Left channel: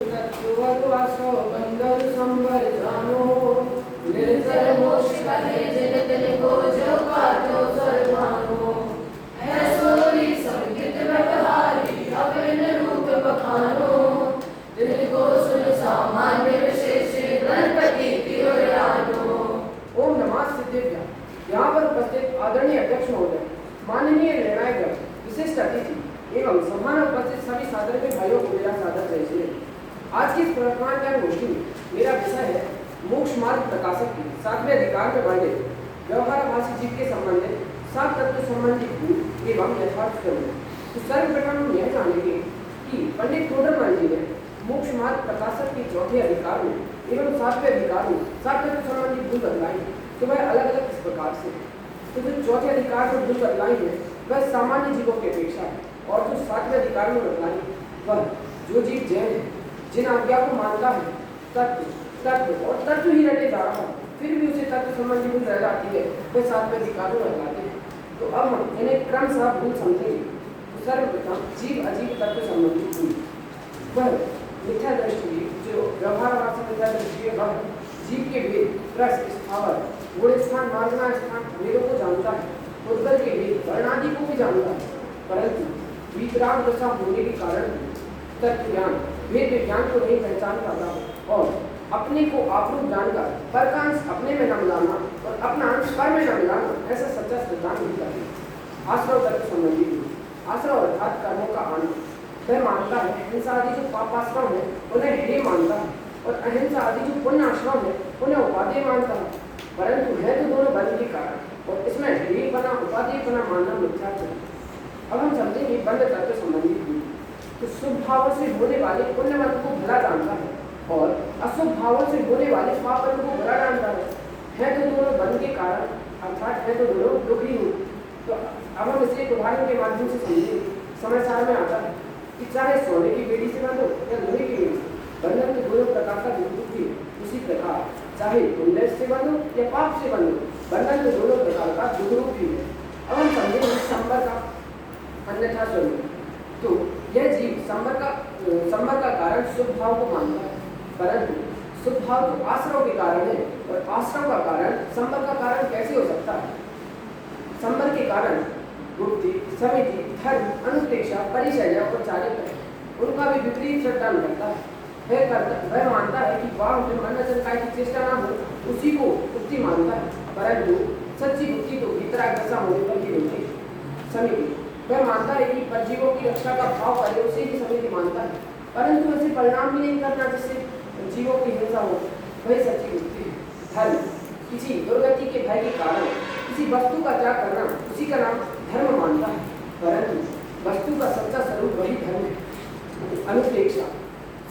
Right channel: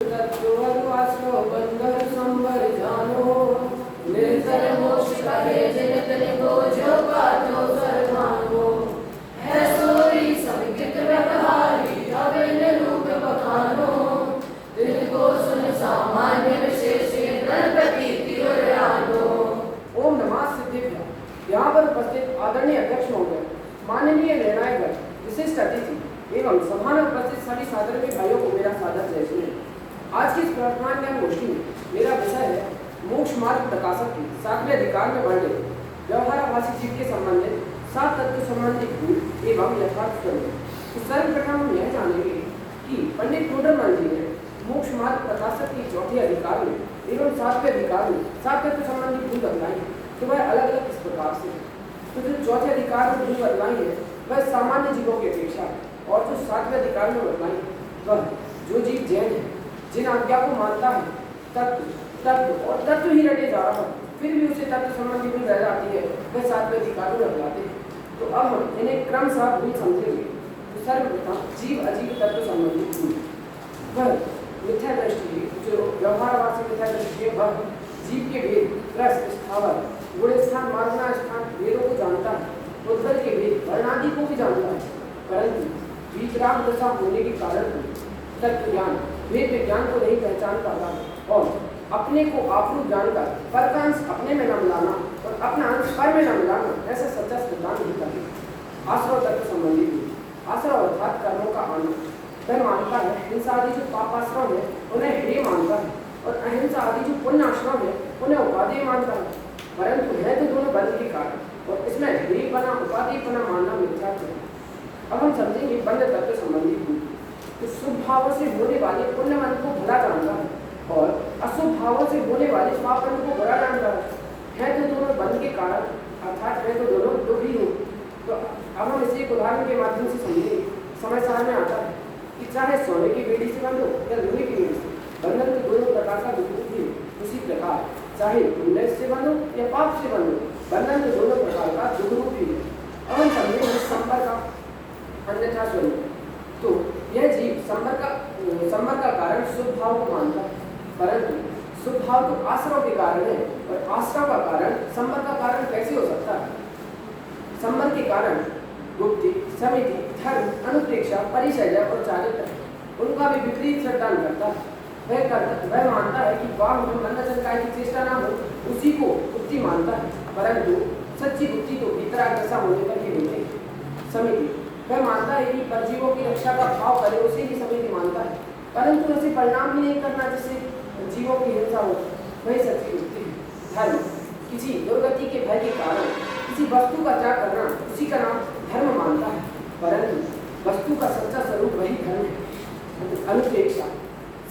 यहाँ पर उपस्थित आदरणीय अध्यक्ष महोदय, माननीय निर्णायक, विशिष्ट अतिथि एवं सभा में उपस्थित सभी सादरणीय भाइयों को मेरा सादर जय श्री। आज की इस प्रवर्तमान ज्ञान गोष्ठी में मेरा विषय है मोक्ष मार्ग प्रकाशक की 7वें अधिकार में वर्णित व्यवहारभाषी जीव के संबंधित 7 तत्व संबंधी भूल एवं यथार्थ करने। तो सर्वप्रथम हम यह जानेंगे कि पंडित टोडरमल जी ने मोक्ष मार्ग प्रकाशक के चौथे अधिकार में एवं 7वें अधिकार में 7 तत्व संबंधी भूल बतलाई, तो वह अलग अलग इस प्रकार से। तो जो चौथे अधिकार में भूल बतलाई है वह सामान्य जीवों की अपेक्षा है, और जो 7वें अधिकार में बतलाई वह जो जीव जैन है, जिन आज्ञा को मानता है, तत्व ही रटे जा रहा है, फिर भी उसे तत्व संबंधी भूल रह जाती है, वह 7वें अधिकार में बतलाते हैं। तो अब हम इन्हें क्रमशः भूल समझेंगे। तो सर्वप्रथम जीव अजीव तत्व संबंधी भूल, वह मिथ्या दृष्टि, जो व्यवहारवासी मिथ्या दृष्टि है, वह जीव के वेद, रस, स्थावर, गुण स्थान, मार्गना स्थान वेदों को जानता है, उद्गल के वेद, वर्णादि को भी जानता है, परंतु वीतराग दशा होने के कारण तत्व ज्ञान, वेद विज्ञान को नहीं पहचान कर रहा और अपने को आपरूप जानकर पर का अंश अपने में न मिलाना और अपना अंश पर में न मिलाना, ऐसा सच्चा सिद्धांत नहीं करते। आश्रव तत्व संबंधी आश्रव अर्थात कर्मों का आना, वह मानता है हिंसा आदि जो पापाश्रव है उन्हें हेय मानता है, और अहिंसा आदि जो पुण्य आश्रम है उन्हें उपादेय मानता है, परंतु है तो दोनों बंध के कारण, और इसमें हेय बना उपादेय बना मानना मिथ्या है। अब हम समझेंगे बंध तत्व संबंधी भूल। तो शुभ भाव से होने वाले पुण्य मन को भला जानता है और अशुभ भावों से होने वाले पाप मन को बुरा जानता है तो दोनों बंध के कारण, अर्थात है तो दोनों दुखी हो। तो अब हम इसे एक उदाहरण के माध्यम से समझेंगे। समय साल में आता है कि चाहे सोने की बेड़ी से बंधो या लोहे की बेड़ी से, बंधन तो दोनों प्रकार का दुख भी उसी प्रकार, चाहे पुण्य से बंधो या पाप से बंधो, बंधन तो दोनों प्रकार का दुख रूप ही है। अब हम समझेंगे संपर्क का अन्यथा स्वरूप। तो यह जीव संपर्क का कारण शुभ भाव को मानता है, परंतु शुभ भाव तो आश्रव के कारण है, और आश्रव का कारण संपर्क का कारण कैसे हो सकता है? संपर्क के कारण गुप्ति, समिति, धर्म, अनुप्रेक्षा, परिचर्या और चारित्र उनका भी विपरीत श्रद्धान करता है। वह मानता है कि वाह में मन वचन काय की चेष्टा ना हो, उसी को बुद्धि मानता है, परंतु सच्ची बुद्धि तो भीतराग दशा होने पर ही होती है। समिति, वह मानता है कि परजीवों की रक्षा का भाव करे, उसी की समिति मानता है, परंतु ऐसे परिणाम भी नहीं करना जिससे जीवों की हिंसा हो, वही सच्ची बुद्धि है। धर्म, किसी दुर्गति के भय के कारण किसी वस्तु का त्याग करना, उसी का नाम धर्म मानता है, परंतु वस्तु का सच्चा स्वरूप वही धर्म है। अनुप्रेक्षा,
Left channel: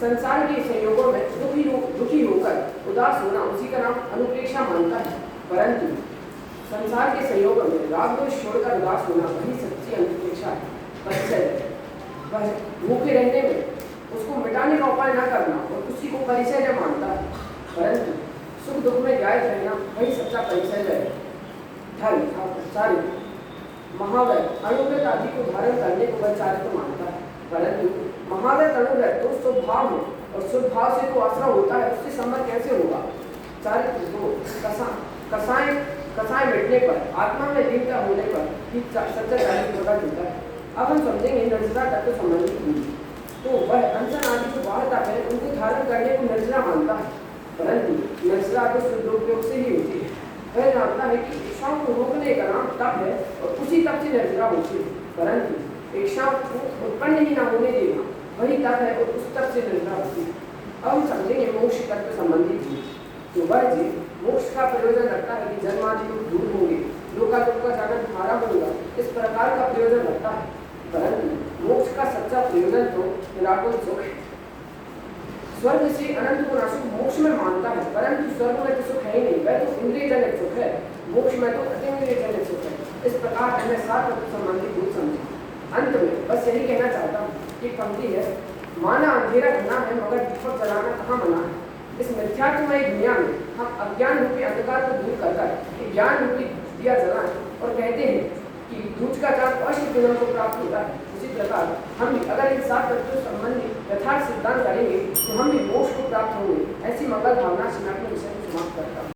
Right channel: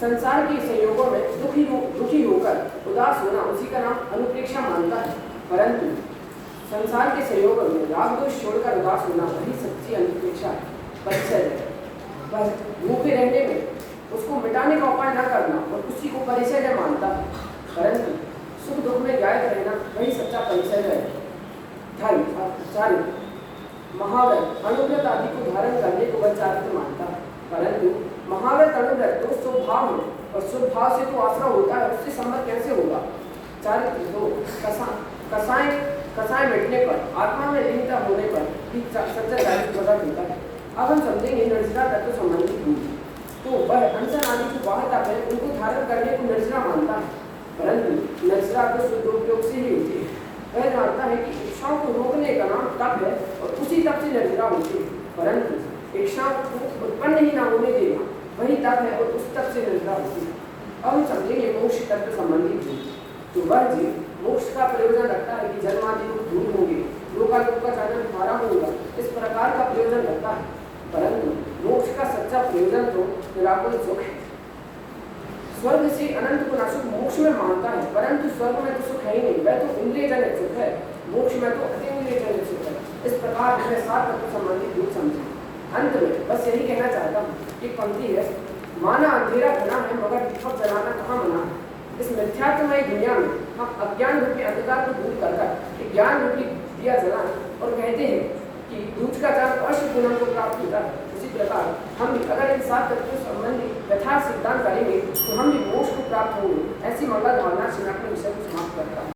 संसार के संयोगों में दुखी होकर उदास होना, उसी का नाम अनुप्रेक्षा मानता है, परंतु संसार के संयोग में राग दोष छोड़कर उदास होना वही सच्ची अनुप्रेक्षा है। परिचय, वह भूखे रहने में उसको मिटाने का उपाय न करना और उसी को परिचय मानता है, परंतु सुख दुख में जायज रहना वही सच्चा परिचय है। धर्म, चारित्र, महाव्रत, अनुव्रत आदि को धारण करने को वह चारित्र मानता है, परंतु महाव्रत अनुव्रत तो शुभ भाव है और शुभ भाव से तो आश्रय होता है, उससे संबंध कैसे होगा? चारित्र तो कसाय मिटने पर, आत्मा में लीनता होने पर ही सच्चा चारित्र प्रकट होता है। अब हम समझेंगे निर्जरा तत्व संबंधी भूल। तो वह अनशन आदि जो बाहर तक है उनको धारण करने को निर्जरा मानता है, परंतु निर्जरा तो शुद्धोपयोग से ही होती है। वह जानता है कि इच्छाओं को रोकने का नाम तप है और उसी तप से निर्जरा होती है, परंतु इच्छा को उत्पन्न ही न होने देना वही तप है और उस तप से निर्जरा होती है। अब हम समझेंगे मोक्ष तत्व संबंधी भूल। तो वह जीव मोक्ष का प्रयोजन रखता है कि जन्मादि लोग दूर होंगे, लोकालोक का साधन हमारा होगा, इस प्रकार का प्रयोजन रखता है, परंतु मोक्ष का सच्चा प्रयोजन तो निराकुल सुख है। स्वर्ग से अनंत गुना सुख मोक्ष में मानता है, परंतु स्वर्ग में तो सुख है ही नहीं, वह तो इंद्रिय जनित सुख है, मोक्ष में तो अतीन्द्रिय जनित सुख है। इस प्रकार हमें 7 तत्व संबंधी भूल समझे। अंत में बस यही कहना चाहता हूँ, एक पंक्ति है, माना अंधेरा घना है मगर दीपक जलाना कहाँ मना है। इस मिथ्यात्मय दुनिया में हम अज्ञान रूपी अंधकार को दूर करकर ज्ञान रूपी दिया जलाएं और कहते हैं कि दूज का जब अष्टदिनम को प्राप्त होता है, उसी प्रकार हम भी अगर इन 7 तत्वों संबंधी यथार्थ सिद्धांत करेंगे तो हम भी मोक्ष को प्राप्त होंगे। ऐसी मंगल भावना श्री